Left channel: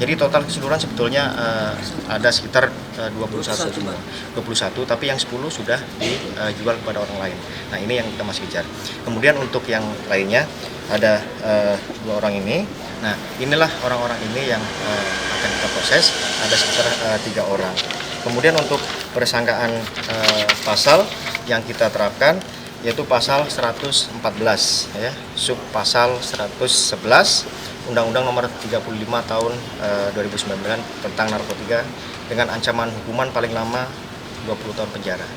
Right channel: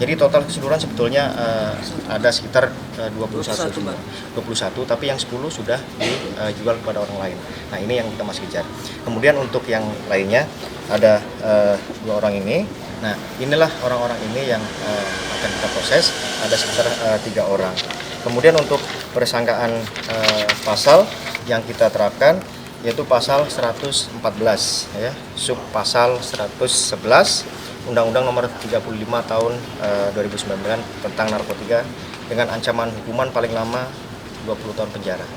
Jadi total keseluruhan sebetulnya ada sekitar 21 semua. 21, tapi yang 10 sudah dijual kepada orang lain. Nah, ini yang kita masih kejar. Kemudian untuk yang lainnya ada 2 orang ini. Nah, inilah orang-orang ini yang akan kita proses, ada sekitar 3 orang. Kemudian untuk persangkaan pasal yang kita terapkan yaitu pasal 114 ya, sub pasal 111 Undang-Undang Nomor 35 Tahun 2009 tentang narkotika dengan ancaman hukuman paling lama 20 tahun penjara.